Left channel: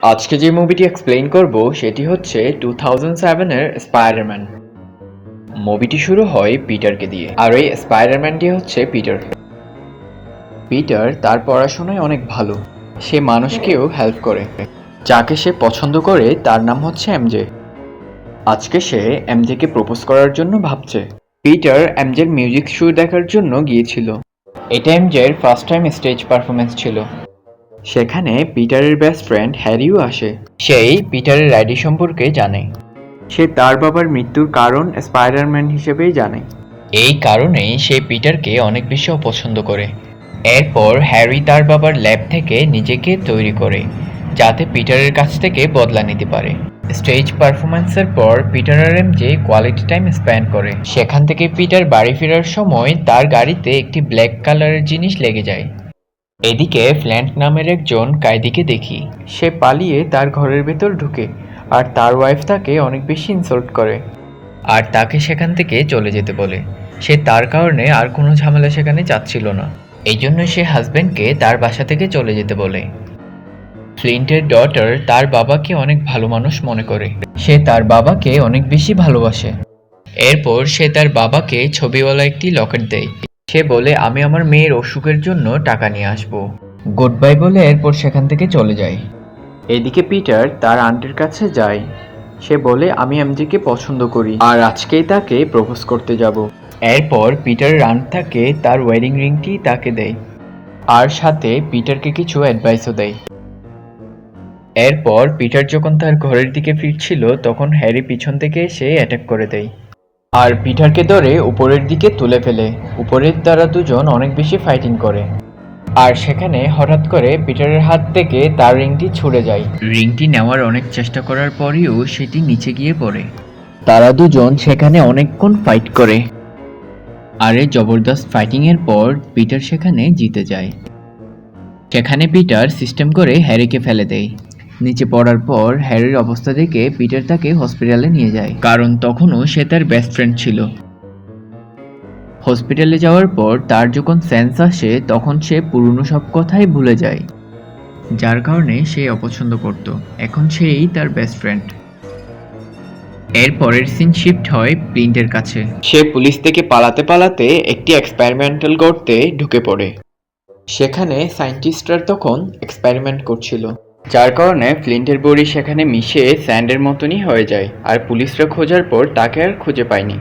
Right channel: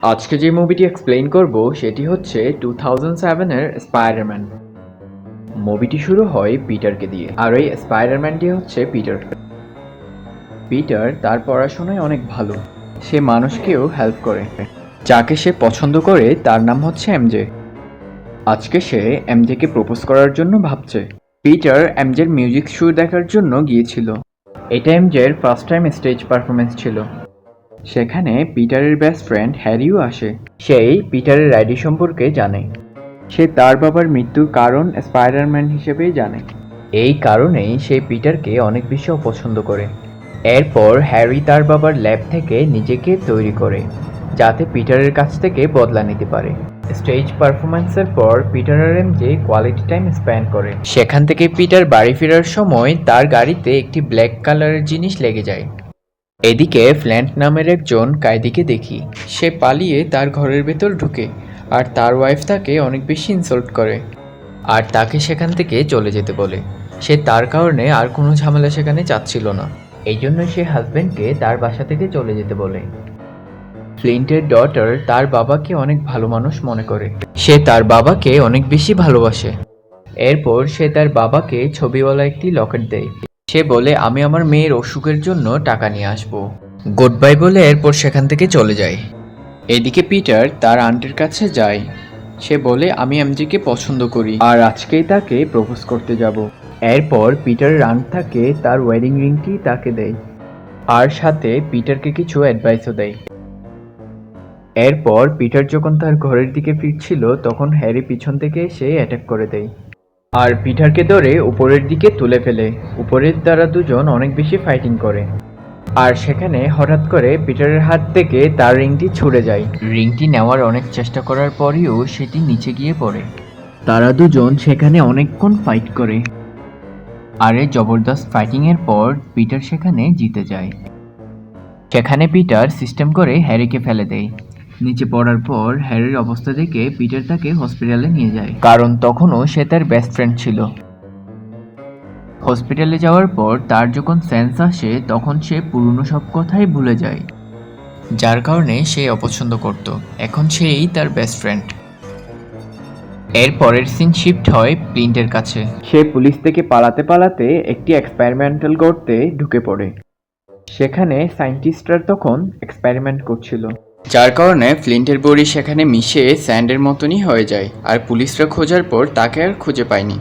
আজকে যে মুভিটি এক্সপ্লেইন করব সেটি হচ্ছে 2007 এর স্পাইডারম্যান। মুভিটি শুরু হয় পিটারকে দিয়ে, আর এই স্পাইডারম্যানটি হচ্ছে পিটার। পিটার তার পড়াশোনায় অনেক ভালো, সে মানুষকেও হেল্প করে। যাকে সে পছন্দ করে তার নাম হচ্ছে এমজে। আজকে সে এমজেকে প্রপোজ করার জন্য ভাবছে। পিটার এমজের মিউজিক শো দেখার জন্য গিয়েছিল। এটা এমজের ফার্স্ট টাইম স্টেজ পারফরমেন্স ছিল। সেখানে পিটারের বেস্ট ফ্রেন্ড হ্যারিও আসে। সেই পিটারের আইডি সম্পর্কে জানে। সে তার বাবার মৃত্যুর কারণ স্পাইডারম্যান হিসেবেই জানে। এই কারণেই সে পিটারকে অনেক বেশি অপছন্দ করে। এরপর হ্যারি তার বাবার ল্যাব থেকে নিজেকে তৈরি করে, যাতে পিটারের কাছ থেকে বদলা নিতে পারে। স্টেজ পারফরম্যান্সের পর পিটার আর এমজে কোয়ালিটি টাইম স্পেন্ড করে। সেখান থেকে পিটার বাড়ি ফেরার সময় তার গাড়িতে একটি ব্ল্যাক কালারের জিনিস লেগে যায়। এদিকে ফ্ল্যান্ট নামের একজন কায়দিকে দেখি। সে পালিয়ে তার ঘরের ভেতর ঢুকে, আর তার ওয়াইফ তাকে অনেক বেশি ইনসাল্ট করে আর তাকে সেখান থেকে চলে যেতে বলে। সে তার কারণে আর কোনো ঝামেলা সেখানে চাচ্ছিল না, এই জন্য সে হাজব্যান্ডকে তার বাসা থেকে চলে যেতে বলে। ফ্লিন্টের ডটার তার বাবাকে অনেক ভালো মানুষ মনে করে। সে তার বাবাকে অনেক বেশি ভালোবাসে। এরপর সে তার বাবাকে ছবিওয়ালা একটি লকেট দেয়। সে বলে, আমি আমার মেয়ের অসুখের জন্য টাকা নিয়ে আসব। গুড বাই বলে এরপর সেখান থেকে চলে যায়। এদিকে পিটার তার আন্টির কাছে যায়। সে বলে, আমি এমজেকে পছন্দ করি আর আজকেই তাকে প্রপোজ করতে যাব। এরপর পিটারের আন্ট তাকে তার ওয়েডিং রিংটি তাকে দেয়, আর সাথে পিটারকে কিছু অ্যাডভাইসও দেয়। এরপর পিটার যখন তার ঘরের দিকে ফিরছিল তখন হ্যারি পিছন থেকে এসে অ্যাটাক করে দেয় আর পিটারকে ধরে উপরের দিকে তুলে ফেলে। উপরের তারা দুজন অনেক বেশি ফাইটিং করে, আর সেখানে হঠাৎ করে পিটারের হাত থেকে তার রিংটি ছুড়ে যায়। রিংটি নেওয়ার অনেক চেষ্টা করার পরেও সেটি নিচে গিয়ে পড়ে। তারা দুজন সেখানে অনেকক্ষণ ফাইট করে, আর এই জবরদস্ত ফাইটিং এর পর পিটার সেখানে জিতে যায়। সেখানে পিটার সিস্টেম করে হ্যারিকে ফেলে দেয়। নিচে পড়ার পর হ্যারির অবস্থা দেখে পিটার তাকে হসপিটালে নিয়ে যায়, কারণ তখনও সে তার বেস্ট ফ্রেন্ড ছিল। হসপিটালে যাওয়ার পর তার যখন সেন্স আসে তখন সে পুরনো সব কথাই ভুলে যায়, যার কারণে সে অপছন্দ করত। এখন সেই তার বেস্ট ফ্রেন্ড। এর পরের সিন শিফট হয় প্লিন্টের কাছে। সে পুলিশ থেকে পালাতে পালাতে একটি এক্সপেরিমেন্টাল গর্তে ঢুকে পড়ে। সেখানে সায়েন্টিস্টরা তখন এক্সপেরিমেন্ট করছিল, যার কারণে ফ্লিন্টের বডি সেখানে মিশে স্যান্ডের মতনই হয়ে যায়, আর পুলিশরা খোঁজার পর তাকে আর খুঁজে পায়নি।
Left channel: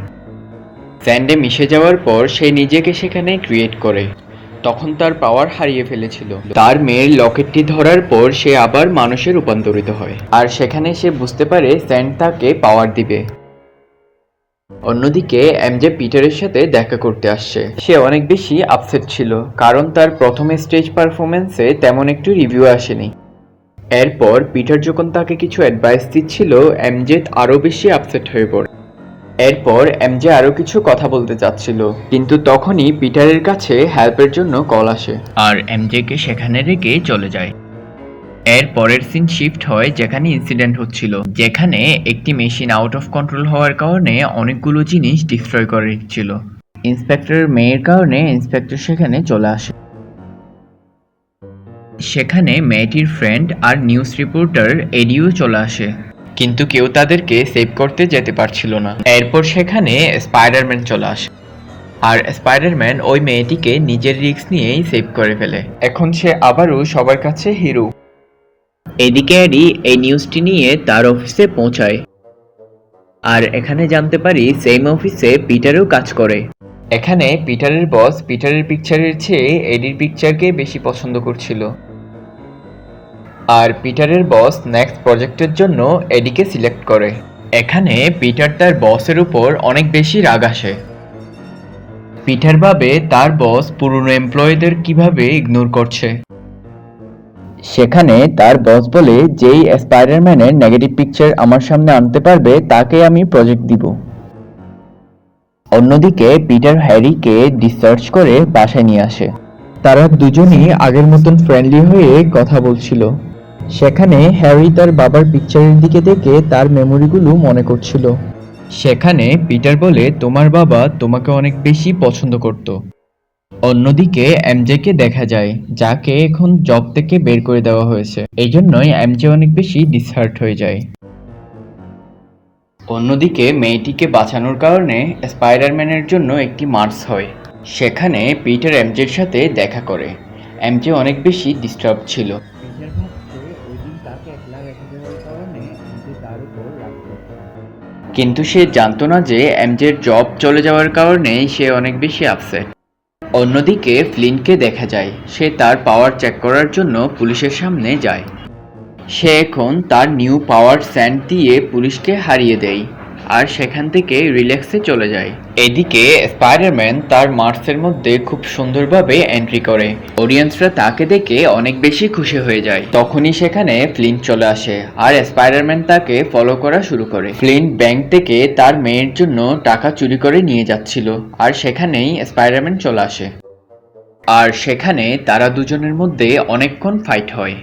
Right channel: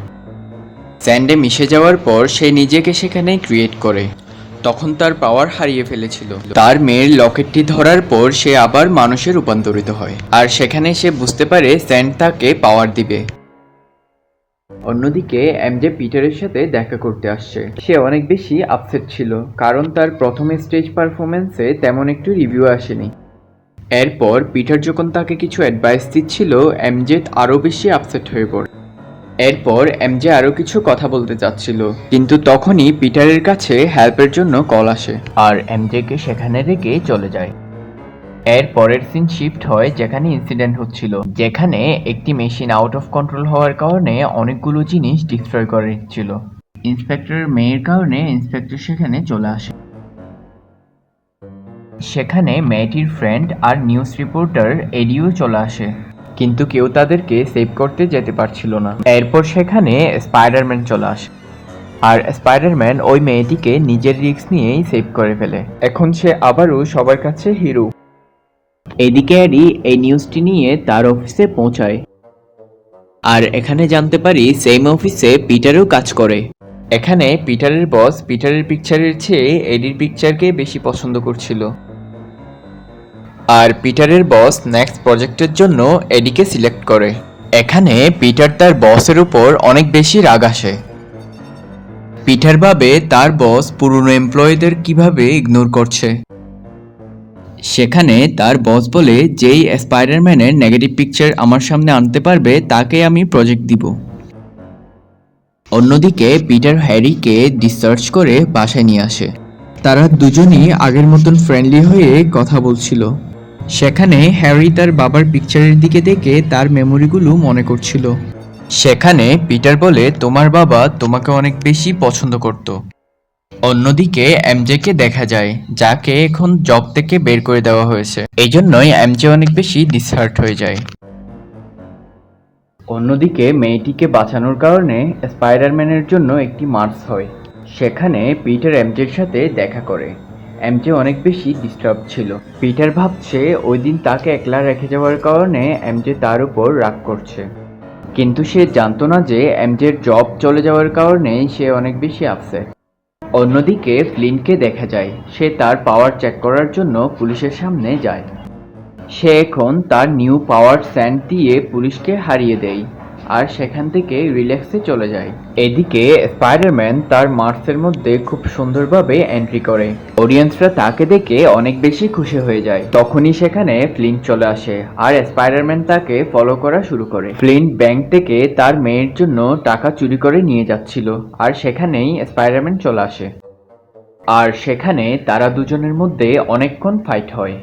স্যান্ডে মিশে যাওয়ার পর সে নিজেকে সেখানে ক্রিয়েট করে। তখন তার পাওয়ার হারিয়ে ফেলেছিল। তার মেয়ের লকেটটি ধরার পর সে আবার মানুষে রূপান্তরিত হয়, আর সেখানে সে বুঝতে পারে স্যান্ড তাকে পাওয়ার দিবে। অন্যদিকে এমজে পিটারের সাথে দেখা করতে আসছে। সে অনেক বেশি আপসেট ছিল, কারণ তার প্রথম স্টেজ পারফরমেন্সে তেমন একটু রিভিউ আসেনি। এরপর পিটার যখন তাকে কিছু অ্যাডভাইস দিচ্ছিল, এমজে আরও বেশি আপসেট হয়ে পড়ে। এরপর এমজে আরো কিছু কথা বলতে চাচ্ছিল, কিন্তু তখনই পিটারের কাছে হেল্পের জন্য কল আসে, আর এমজেকে সেখানে রেখে চলে যায়। এর পরের সিন শিফট হয় যেখানে ইনসিডেন্ট হচ্ছিল, যেখানে একটি মেশিন আউট অফ কন্ট্রোল হওয়ার কারণে অনেকগুলো জিনিস ডিস্ট্রয় করে দিচ্ছিল। ইন্সপেক্টরের মেয়ের কারণে ইন্সপেক্টর সেখানে চলে আসে। সেখানে মেয়েটির ফ্রেন্ড আর নিউজ রিপোর্টার এডিও চলে আসে, কিন্তু কেউ তাদেরকে সেভ করতে যেতে পারছিল না। এরপর সেখানে স্পাইডারম্যান চলে আসে, আর স্পাইডারম্যান ওই মেয়েটিকে নিজের রিস্ক নিয়েই সেভ করে ফেলে। এখন সে আবারও সবার কাছে হিরো। এদিকে এডি এই নিউজটি নিয়ে তার অফিসে পৌঁছায়, আর এখানে জানতে পারি সেম অফিসে পিটারও কাজ করে। এখানে পিটারের বস পিটারের পিকচারের চেয়ে এডির পিকচারকে বেশি পছন্দ করছিল, আর পিটারের বস নেক্সট প্রজেক্টের জন্য এডিকে সিলেক্ট করে। এখানে পিটার তার বসের উপর অনেক বেশি রাগ আসে। পিটার ভাবে তার বস পুরনো এমপ্লয়ীদের কিভাবে ইগনোর করছে। সেখানে তার বস বলে, যেই স্পাইডারম্যানের নেগেটিভ পিকচার আমার সামনে আনতে পারবে তাকে আমি প্রজেক্ট দিব। অন্যদিকে পিটার হ্যারিকে ডিসচার্জ করে বাসায় নিয়ে আসে। তারা দুজনই আগের মতন ফ্রেন্ডলি হয়ে কথা বলছিল। সেখানে হ্যারি তার বাবার পিকচারের দিকে দেখে তার মেমোরিগুলো মনে করছিল। সেখানে পিটার বলে, তোমার বাবা তোমাকে অনেক বেশি পছন্দ করত, অন্যদিকে এমজেকে দেখা যায়, যাকে এখন জব থেকে বের করে দেওয়া হয়েছে। এই জন্যই এমজে অনেক বেশি ডিসহার্ট হয়ে যায়। অন্যদিকে মেয়েটিকে বাঁচানোর কারণে স্পাইডারম্যানের জন্য একটি মার্চ হয়। সেখানে পিটার এমজের সাথে দেখা করে। এমজে অনেক বেশি ডিস্টার্ব ছিল। পিটার ভাবছে ওই দিন তাকে একলা রেখে যাওয়ার কারণে এমজে তার উপর রাগ করছে, কিন্তু সে জানতো না যে এমজের জব চলে যাওয়ার কারণে সে অনেক বেশি আপসেট। অন্যদিকে ফ্লিনকে দেখা যায়, সে তার পাওয়ার চেক করার জন্য পুলিশের সামনে যায়। সে এখন তার নিউ পাওয়ার স্যান্ড দিয়ে পুলিশকে হারিয়ে দেয় আর সেখান থেকে রিল্যাক্সে চলে যায়। এদিকে স্পাইডারম্যান তার মার্সের মধ্যে খুব সুন্দরভাবে এন্ট্রি করে। অডিয়েন্সরা তাকে দেখে অনেক বেশি খুশি হয়ে যায়। তখনই সেখানে ফ্লিন্ট চলে আসে আর স্পাইডারম্যান তাকে ফলো করা শুরু করে। ফ্লিন্ট ব্যাংক থেকে তার মেয়ের জন্য টাকা চুরি করে নিয়ে যাচ্ছিল আর সেখানেই স্পাইডারম্যান চলে আসে। আর সেখানে তারা দুজনের মধ্যে অনেকক্ষণ ফাইট হয়।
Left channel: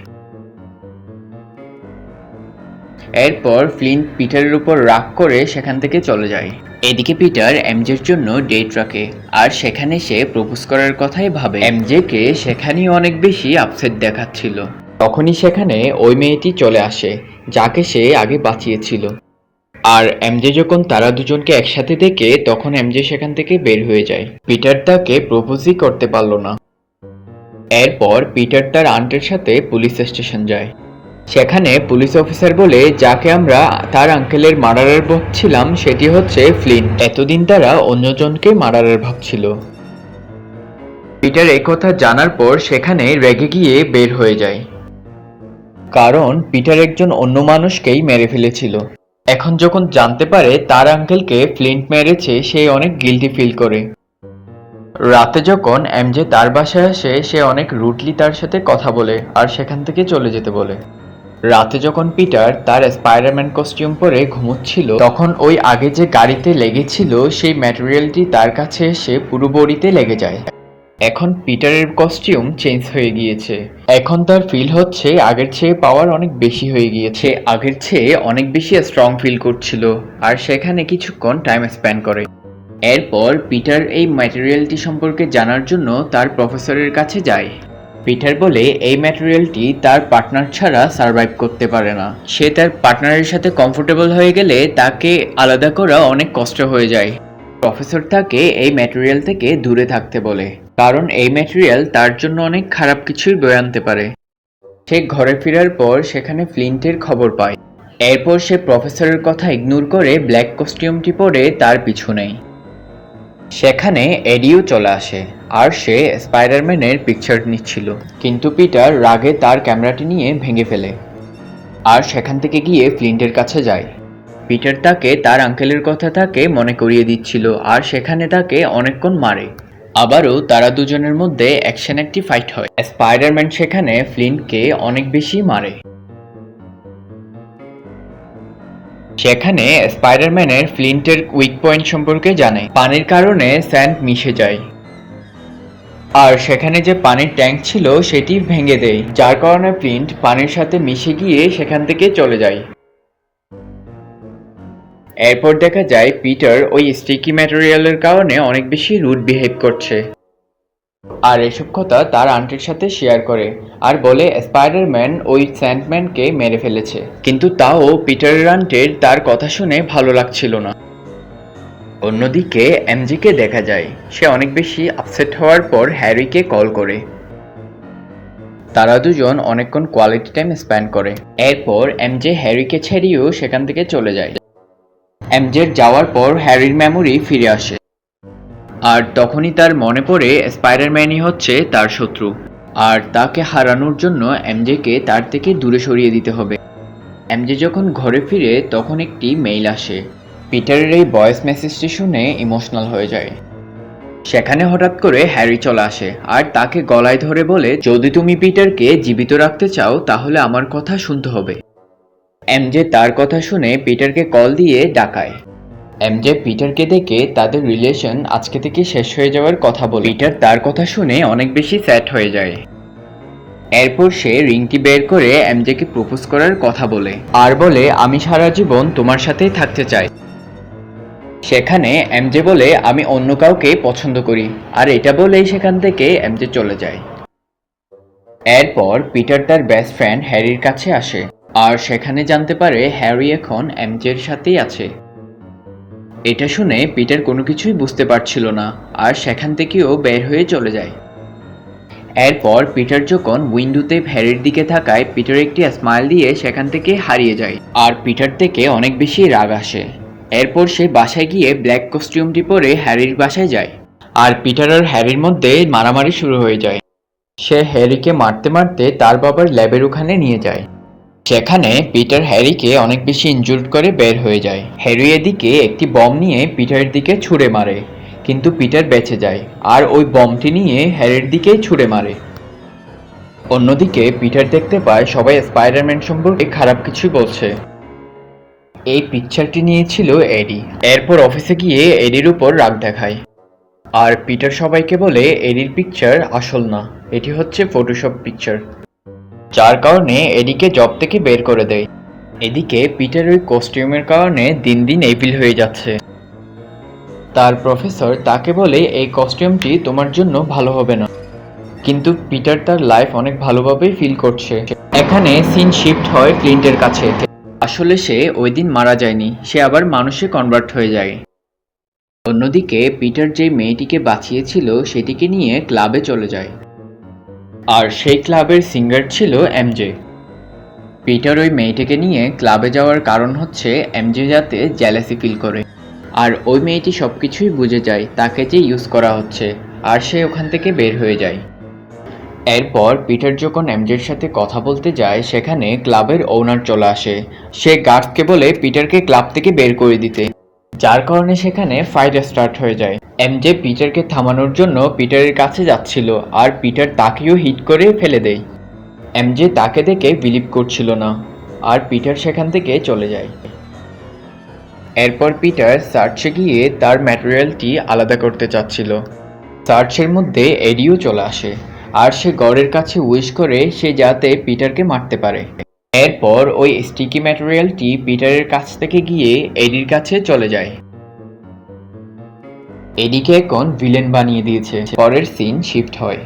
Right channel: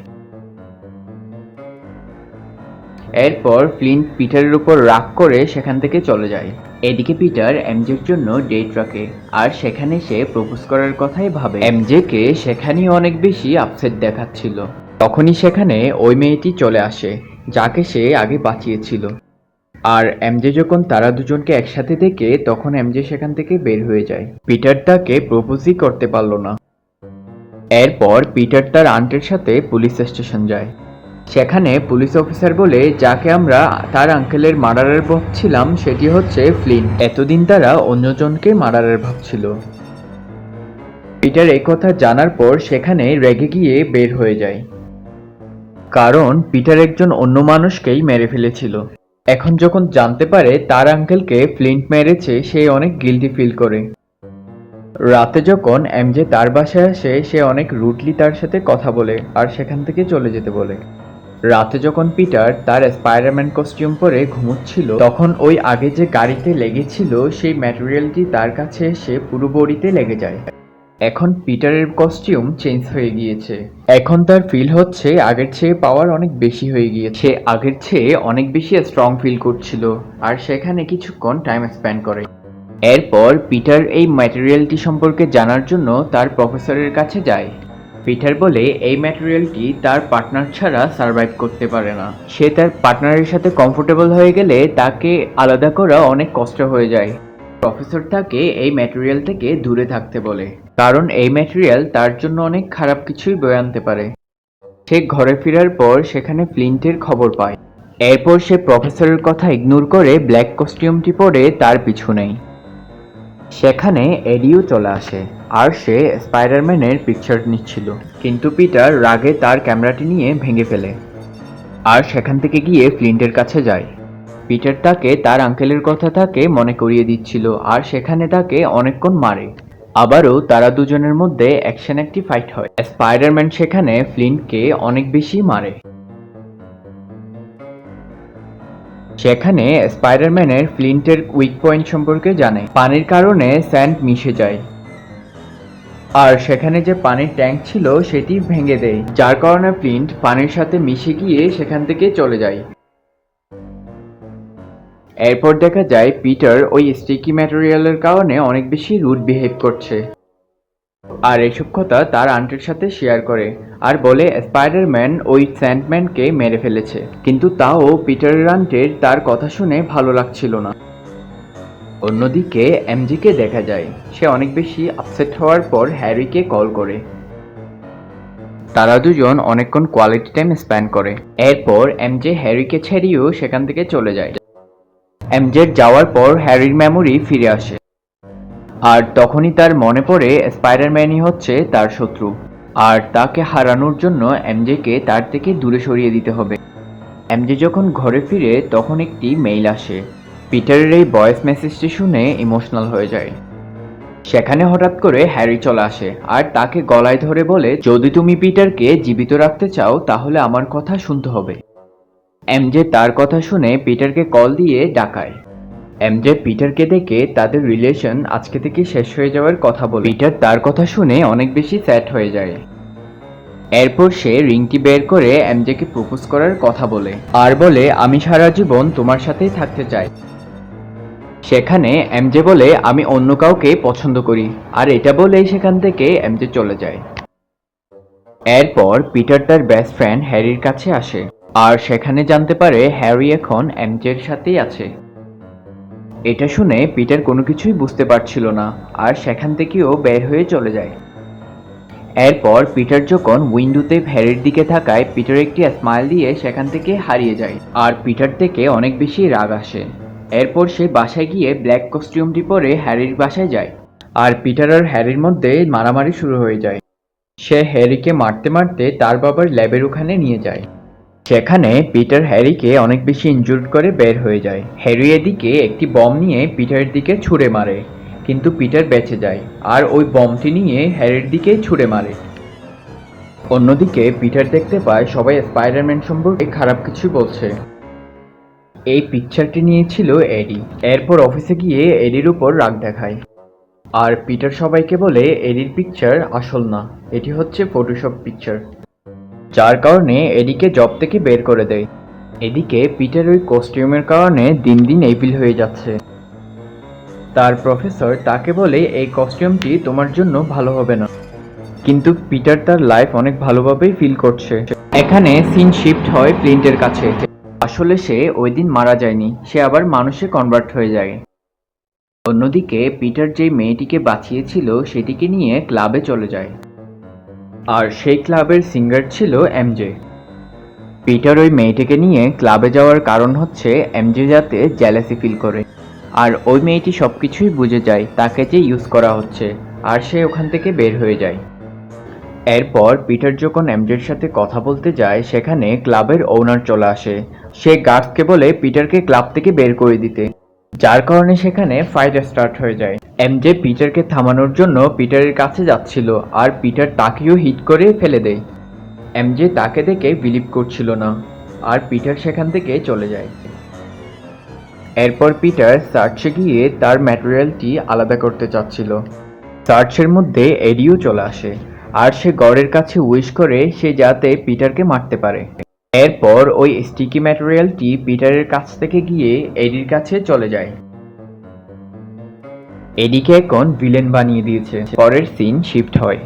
এরপর ফ্লিন্ট পিটারের উপর রাগ করে সেখান থেকে চলে যায়। এদিকে পিটার এমজের জন্য ডেট রাখে আর সেখানে সে প্রপোজ করার কথাই ভাবে। এমজেকে সেখানেই অনেক বেশি আপসেট দেখাচ্ছিল। তখনই সেখানে ওই মেয়েটি চলে আসে, যাকে সে আগে বাঁচিয়েছিল। আর এমজে যখন তারা দুজনকে একসাথে দেখে তখন এমজে সেখান থেকে বের হয়ে যায়। পিটার তাকে প্রপোজই করতে পারল না। এরপর পিটার তার আন্টির সাথে পুলিশ স্টেশন যায়। সেখানে পুলিশ অফিসার বলে, যাকে আমরা তার আঙ্কেলের মার্ডারার ভাবছিলাম সেটি হচ্ছে ফ্লিন্ট। এতদিন তারা অন্যজনকে মার্ডারার ভাবছিল। পিটার এই কথা জানার পর সেখানে রেগে গিয়ে বের হয়ে যায়, কারণ পিটার একজন অন্য মানুষকেই মেরে ফেলেছিল। এখন যখন জানতে পারে তার আঙ্কেলকে ফ্লিন্ট মেরেছে, সে অনেক গিল্টি ফিল করে। রাতে যখন এমজে তার বাসায় আসে, সে অনেক রুডলি তার সাথে কথা বলে আর সেখান থেকে চলে যেতে বলে। রাতে যখন পিটার তার স্পাইডারম্যান কস্টিউম পরে ঘুমোচ্ছিল, তখন ওই আগে যে গাড়িতে লেগেছিল সেই ম্যাটেরিয়ালটি তার কাছে এসে পুরো বডিতে লেগে যায়। এখন পিটারের কস্টিউম চেঞ্জ হয়ে গিয়েছে। এখন তার ফিল হচ্ছে আগের চেয়ে পাওয়ার অনেক বেশি হয়ে গিয়েছে। আগের চেয়ে অনেক বেশি স্ট্রং ফিল করছিল আর সেখানে কিছুক্ষণ টাইম স্পেন্ড করে। এরপর পিটার এই ম্যাটেরিয়ালটি সম্পর্কে জানার জন্য তার প্রফেসরের কাছে যায়। পিটার বলে এই ম্যাটেরিয়ালটি তার পার্টনার ছাড়া সার্ভাইভ করতে পারে না। সে তার পার্টনারের সাথে কমফোর্টেবল হয়ে গেলে তাকে আলাদা করা অনেক কষ্ট হয়ে যায়। প্রফেসর তাকে এই ম্যাটেরিয়াল থেকে দূরে থাকতে বলে, কারণ এই ম্যাটেরিয়াল তার জন্য অনেক খারাপ কিছুই বয়ে আনতে পারে। সে ঘরে ফেরার পর সেখানে ফ্লিন্টের খবর পায়। এরপর সে প্রফেসরের কথা ইগনোর করে ব্ল্যাক কস্টিউমটি পরে তার পিছু নেয়। সেখানে এডিও চলে আসে আর সে স্পাইডারম্যানের পিকচার নিচ্ছিল, কিন্তু পিটার রাগে তার ক্যামেরাটি নিয়ে ভেঙে ফেলে আর সেখান থেকে গিয়ে ফ্লিন্টের কাছে যায়। পিটার তাকে তার আঙ্কেলের কথা তাকে মনে করিয়ে দিচ্ছিল আর সেখানে তাকে অনেকক্ষণ মারে। আবারও তারা দুজনের মধ্যে অ্যাকশন একটি ফাইট হয়। স্পাইডারম্যান সেখানে ফ্লিন্টকে অনেক বেশি মারে। সেখানে স্পাইডারম্যানের ফ্লিন্টের উইক পয়েন্ট সম্পর্কে জানে। পানির কারণে স্যান্ড মিশে যায় আর সেখানে যে পানির ট্যাঙ্ক ছিল সেটি ভেঙে দেয়, যার কারণে ফ্লিন্ট পানির সাথে মিশে গিয়ে সেখান থেকে চলে যায়। এরপর দেখা যায় পিটার ওই স্টিকি ম্যাটেরিয়ালের কারণে অনেক বেশি রুড বিহেভ করছে আর এসব কথা তার আন্টির সাথে শেয়ার করে আর বলে স্পাইডারম্যান ওই স্যান্ডম্যানকে মেরে ফেলেছে। কিন্তু তাও পিটারের আন্টির তার কথা শুনে ভালো লাগছিল না। অন্যদিকে এমজিকে দেখা যায়, সে অনেক বেশি আপসেট হওয়ার পর হ্যারিকে কল করে। তারা দুজন অনেকক্ষণ কোয়ালিটি টাইম স্পেন্ড করে। এরপর এমজে হ্যারিকে ছেড়েও সেখান থেকে চলে যায়। এমজের যাওয়ার পর হ্যারির মেমোরি ফিরে আসে আর তখনই তার মনে পড়ে স্পাইডারম্যানই হচ্ছে তার শত্রু আর তাকে হারানোর জন্য এমজেকে তার থেকে দূরে সরিয়ে দিতে হবে। এমজে যখন ঘরে ফিরে তখন একটি মেইল আসে। পিটারের এই ভয়েস মেসেজটি শুনে ইমোশনাল হয়ে যায়। সেখানে হঠাৎ করে হ্যারি চলে আসে আর তাকে গলায় ধরে বলে, যদি তুমি পিটারকে জীবিত রাখতে চাও তাহলে আমার কথা শুনতে হবে। এমজে তার কথা শুনে পিটারকে কল দিয়ে ডাকায়। এমজে পিটারকে দেখে তাদের রিলেশন আজকে থেকে শেষ হয়ে যাওয়ার কথা বলে। পিটার তার কথা শুনে অনেক বেশি স্যাড হয়ে যায়। এরপর সে রিংটি বের করে এমজেকে প্রপোজ করার কথা বলে আর বলে, আমি সারা জীবন তোমার সাথেই থাকতে চাই। সেখানে এমজে বলে আমি অন্য কাউকে পছন্দ করি, আর এটা বলেই সেখান থেকে এমজে চলে যায়। এরপর পিটার তার বেস্ট ফ্রেন্ড হ্যারির কাছে আসে, আর সেখানে জানতে পারে হ্যারি এখন এমজের সাথেই আছে। এটা শুনে পিটার কোনো কিছুই বুঝতে পারছিল না, আর সেখান থেকেও বের হয়ে চলে যায়। এরপর পিটার যখন উইন্ডোতে হ্যারির দিকে তাকায়, পিটার একটি স্মাইল দিয়ে সেখান থেকে হারিয়ে যায়, আর পিটার থেকে অনেক বেশি রাগ আসে। এরপর সে বাসায় গিয়ে ব্ল্যাক কস্টিউমটি পরে হ্যারির বাসায় যায়, আর পিটার আর হ্যারির মধ্যে মারামারি শুরু হয়ে যায়। সে হ্যারিকে মারতে মারতে তার বাবার ল্যাবের ওখানে নিয়ে যায়। সেখানে পিটার হ্যারিকে অনেক বেশি ইনজুর্ড করে বের হয়ে যায়। হ্যারি এদিকে একটি বম নিয়ে পিটারের দিকে ছুঁড়ে মারে, কিন্তু পিটার বেঁচে যায়, আর ওই বমটি নিয়ে হ্যারির দিকে ছুঁড়ে মারে। অন্যদিকে পিটার দেখতে পায় সবাই স্পাইডারম্যান সম্পর্কে খারাপ কিছু বলছে। এই পিকচারটি নিয়েছিল এডি। এরপর অফিসে গিয়ে এডির উপর রাগ দেখায়, আর পিটার সবাইকে বলে এডির পিকচার আসল না, এটি হচ্ছে ফটোশপ পিকচার, যার কারণে এডিকে জব থেকে বের করে দেয়। এদিকে পিটার ওই কস্টিউমের কারণে দিন দিন এভিল হয়ে যাচ্ছে। তার প্রফেসর তাকে বলে এই কস্টিউমটি তোমার জন্য ভালো হবে না, কিন্তু পিটার তার লাইফ অনেক ভালোভাবেই ফিল করছে। এখানে সিন শিফট হয় ফ্লিন্টের কাছে। আসলে সে ওই দিন মারা যায়নি, সে আবার মানুষে কনভার্ট হয়ে যায়। অন্যদিকে পিটার যে মেয়েটিকে বাঁচিয়েছিল সেটিকে নিয়ে ক্লাবে চলে যায়, আর সেই ক্লাবের সিঙ্গার ছিল এমজে। পিটার ওই মেয়েটিকে নিয়ে ক্লাবে যাওয়ার কারণ হচ্ছে এমজে যাতে জেলাসি ফিল করে, আর ওই মেয়েটি সবকিছুই বুঝে যায় তাকে যে ইউজ করা হচ্ছে, আর সে ওখান থেকে বের হয়ে যায়। এরপর পিটার যখন এমজের সাথে কথা বলতে যায়, সেখানে ক্লাবের ওনার চলে আসে। সে গার্ডকে বলে পিটারকে ক্লাব থেকে বের করে দিতে, যার কারণে সেখানে ফাইট স্টার্ট হয়ে যায়। এমজে পিটারকে থামানোর জন্য পিটারের কাছে যাচ্ছিল, আর পিটার তাকেও হিট করে ফেলে দেয়। এমজে তাকে দেখে বিলিভ করছিল না, আর পিটার সেখান থেকে চলে যায়। এরপর পিটার সার্চে গিয়ে তার ম্যাটেরিয়ালটি আলাদা করতে চাচ্ছিল। সার্চের মধ্যে এডিও চলে আসে, আর সে গড়ের কাছে উইশ করে সে যাতে পিটারকে মারতে পারে। এরপর ওই স্টিকি ম্যাটেরিয়ালটি পিটারের কাছ থেকে গিয়ে এডির কাছে চলে যায়। এডিকে এখন ভিলেন বানিয়ে দিয়েছে। পরের সিন শিফট হয়।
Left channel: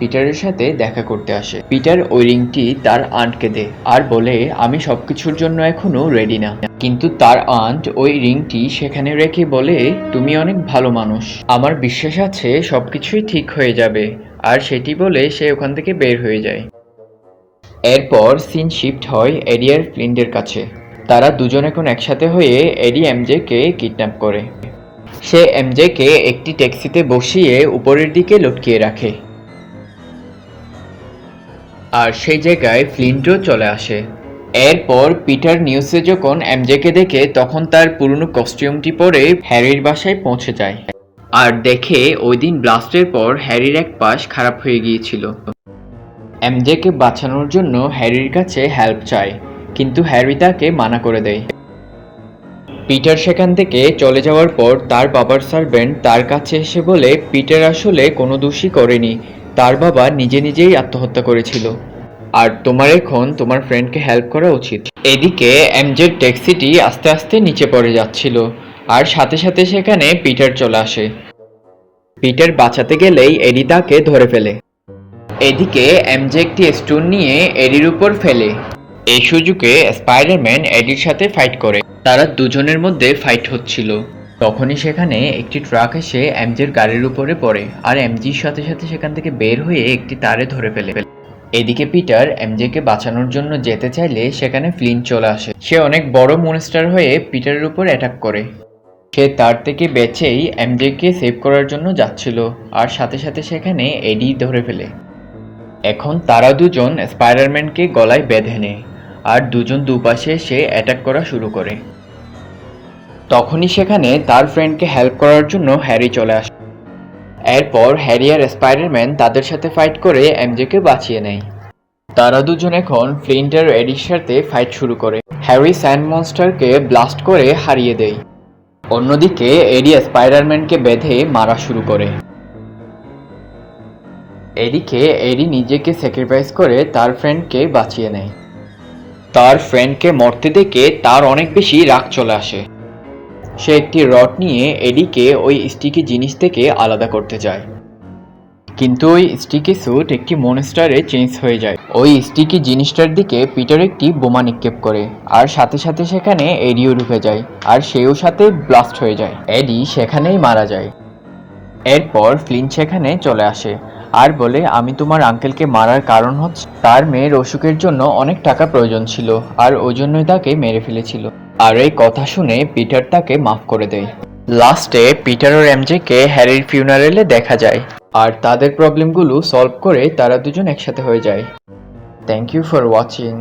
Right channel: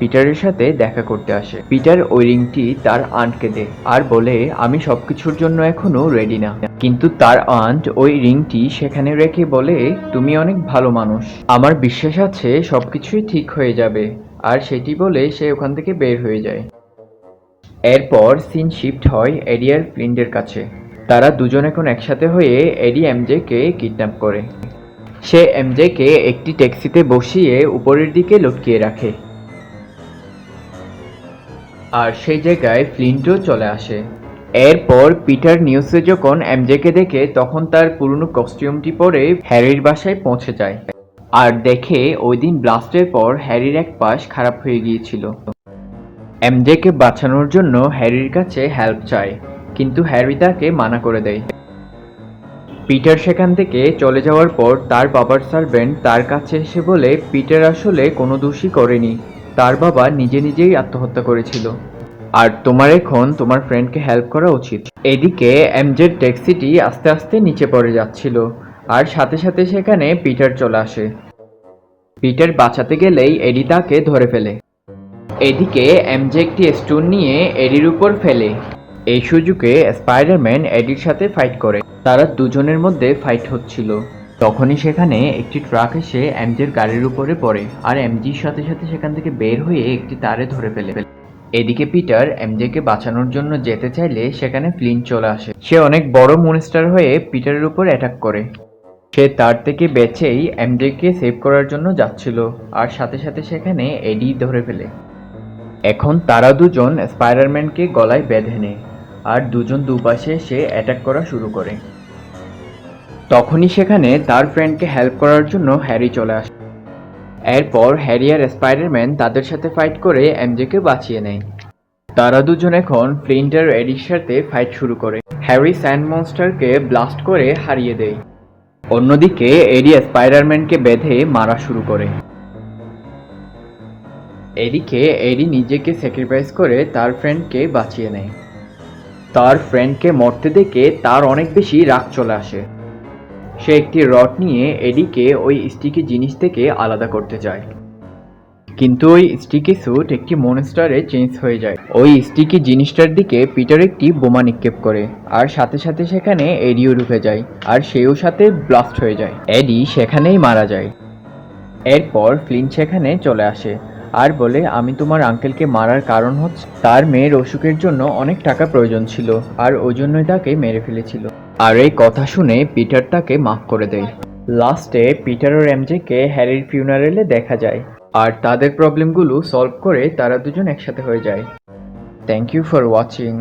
পিটারের সাথে দেখা করতে আসে। পিটার ওই রিংটি তার আন্টকে দেয়, আর বলে আমি সবকিছুর জন্য এখনো রেডি না। কিন্তু তার আন্ট ওই রিংটি সেখানে রেখে বলে তুমি অনেক ভালো মানুষ, আমার বিশ্বাস আছে সবকিছুই ঠিক হয়ে যাবে, আর সেটি বলে সে ওখান থেকে বের হয়ে যায়। এরপর সিন শিফট হয় এডি আর ফ্লিন্টের কাছে। তারা দুজন এখন একসাথে হয়ে এডি এমজে কে কিডন্যাপ করে। সে এমজে কে একটি ট্যাক্সিতে বসিয়ে উপরের দিকে লটকিয়ে রাখে, আর সেই জায়গায় ফ্লিন্টও চলে আসে। এরপর পিটার নিউজে যখন এমজে কে দেখে, তখন তার পুরনো কস্টিউমটি পরে হ্যারির বাসায় পৌঁছে যায়, আর দেখে ওই দিন ব্লাস্টের পর হ্যারির এক পাশ খারাপ হয়ে গিয়েছিল। এমজে কে বাঁচানোর জন্য হ্যারির কাছে হেল্প চায়, কিন্তু হ্যারি তাকে মানা করে দেয়। পিটার সেখান থেকে চলে যাওয়ার পর তার বাবার সার্ভেন্ট তার কাছে এসে বলে পিটার আসলে কোনো দোষই করেনি, তার বাবা নিজে নিজেই আত্মহত্যা করেছিল, আর তোমার এখন তোমার ফ্রেন্ডকে হেল্প করা উচিত। এদিকে এমজের ট্যাক্সিটি আস্তে আস্তে নিচে পড়ে যাচ্ছিল, আর সাথে সাথে সেখানে পিটার চলে আসে। পিটার বাঁচাতে গেলেই এডি তাকে ধরে ফেলে। এদিকে এমজে একটি স্টোন নিয়ে এডির উপর ফেলে। এই সুযোগে স্পাইডারম্যান এডির সাথে ফাইট করে। তারা দুজনের মধ্যে ফাইট হচ্ছিল, তখনই সেখানে একটি ট্রাক এসে এমজের গাড়ির উপরে পড়ে, আর এমজির সাথে সাথে সেখান থেকে বের হয়ে একটি তারে ধরে ফেলে। এদিকে পিটার এমজেকে বাঁচানোর জন্য যেতে চাইলে সেখানে ফ্লিন্ট চলে আসে। সে অনেক বড় মনস্টার হয়ে পিটারের উপর অ্যাটাক করে। সে তার থেকে বেঁচেই এমজেকে সেভ করার জন্য যাচ্ছিল, আর সাথে সাথে সেখানে এডি ধরে ফেলে। এখন তারা দুজন স্পাইডারম্যানকে গলায় বেঁধে নেয়, আর দুজন দুপাশে সে অ্যাটাক করা শুরু করে। তখনই সেখানে তার ফ্রেন্ডকে হেল্প করার জন্য হ্যারি চলে আসে। এরপর হ্যারি আর স্পাইডারম্যান তাদের সাথে ফাইট করে এমজেকে বাঁচিয়ে নেয়। তারা দুজন এখন ফ্লিন্ট আর এডির সাথে ফাইট শুরু করে। হ্যারি স্যান্ড মনস্টারকে ব্লাস্ট করে হারিয়ে দেয়। অন্যদিকে এডি স্পাইডারম্যানকে বেঁধে মারা শুরু করে। এদিকে এডি নিজেকে স্যাক্রিফাইস করে তার ফ্রেন্ডকে বাঁচিয়ে নেয়। তার ফ্রেন্ডকে মরতে দেখে তার অনেক বেশি রাগ চলে আসে। সে একটি রড নিয়ে এডিকে ওই স্টিকি জিনিস থেকে আলাদা করতে চায়, কিন্তু ওই স্টিকি স্যুট একটি মনস্টারে চেঞ্জ হয়ে যায়। ওই স্টিকি জিনিসটার দিকে পিটার একটি বোমা নিক্ষেপ করে, আর সাথে সাথে সেখানে এডিও ঢুকে যায়, আর সেও সাথে ব্লাস্ট হয়ে যায়। এডি সেখানেই মারা যায়। এরপর ফ্লিন সেখানে চলে আসে আর বলে, আমি তোমার আঙ্কেলকে মারার কারণ হচ্ছে তার মেয়ের অসুখের জন্য অনেক টাকা প্রয়োজন ছিল, আর ওই জন্যই তাকে মেরে ফেলেছিল। আর এই কথা শুনে পিটার তাকে মাফ করে দেয়। লাস্টে পিটার ও এমজেকে হ্যারির ফিউনারেলে দেখা যায়, আর তাদের প্রবলেমগুলো সলভ করে তারা দুজন একসাথে হয়ে যায়। Thank you for watching.